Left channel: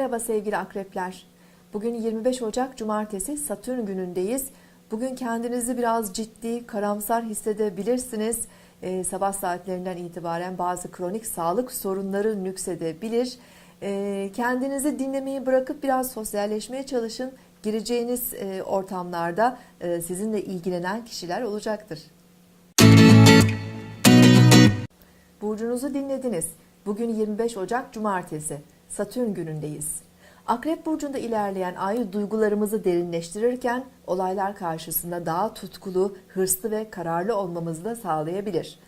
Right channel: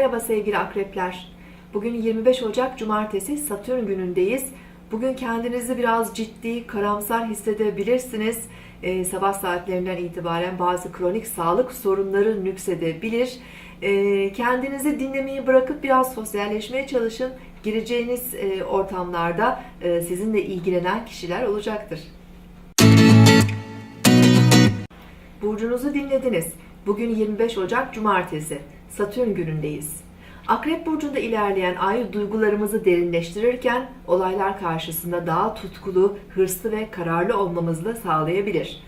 Merhaba sevgili akrepler. Bugün 25 Ocak Cumartesi Satürn günündeyiz. Bugün kendinizi biraz ciddi, karamsar hissedebilirsiniz. Ee, sabah saatlerinden itibaren bazı kronik sağlık sorunları nüksedebilir. Ee, kendinizi dinlemeyi bırakıp biraz sosyalleşmeye çalışın. Gireceğiniz e, ortamlarda e, sizinle ilgilenen kişiler olacaktır. Burcunuzu dinlediniz. Bugün 25 Ocak Cumartesi. Satürn günündeyiz. Akrep burcunda ilerleyen ay duygularımızı derinleştirirken olaylar karşısında daha tutkulu, hırslı ve kararlı olmamızı da sağlayabilir.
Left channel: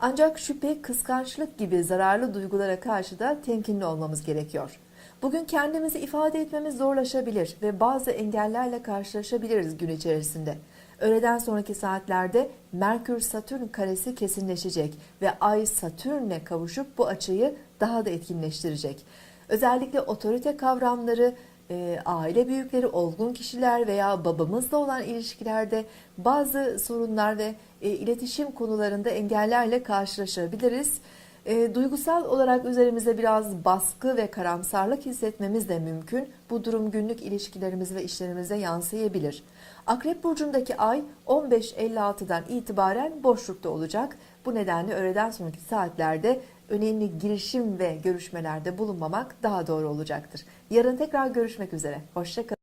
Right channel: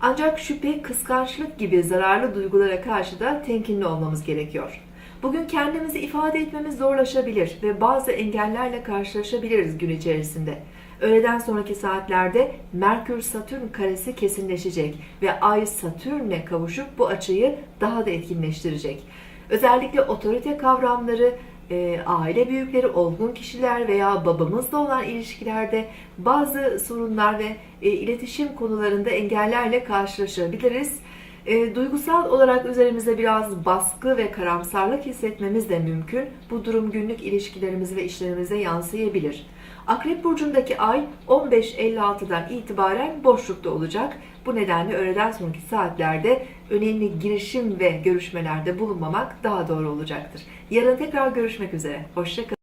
Ancak şüphe, kıskançlık gibi zararlı duygulara karşı da temkinli olmamız gerekiyor. Bugün kendimizi ifade etmemiz zorlaşabilir ve bazı engellerle karşılaşabiliriz gün içerisinde. Öğleden sonraki saatlerde Merkür-Satürn karesi kesinleşecek ve Ay Satürn'le kavuşup bu açıyı daha da etkinleştirecek. Özellikle otorite kavramları, e, aile büyükleri, olgun kişiler veya babamızla olan ilişkilerde bazı sorunlar ve e, iletişim konularında engellerle karşılaşabiliriz. E, duygusal olarak üzerimize biraz baskı ve karamsarlık hissetmemiz de mümkün. Bu durum günlük ilişkilerimize ve işlerimize yansıyabilir. Akrep burcundaki ay 15.56'dan itibaren boşlukta olacak. Bu nedenle öğleden sonraki saatlerde önemli girişim ve görüşmelerde bulunmamak daha doğru olacaktır. Yarın tekrar görüşmek üzere. Hoşçakalın.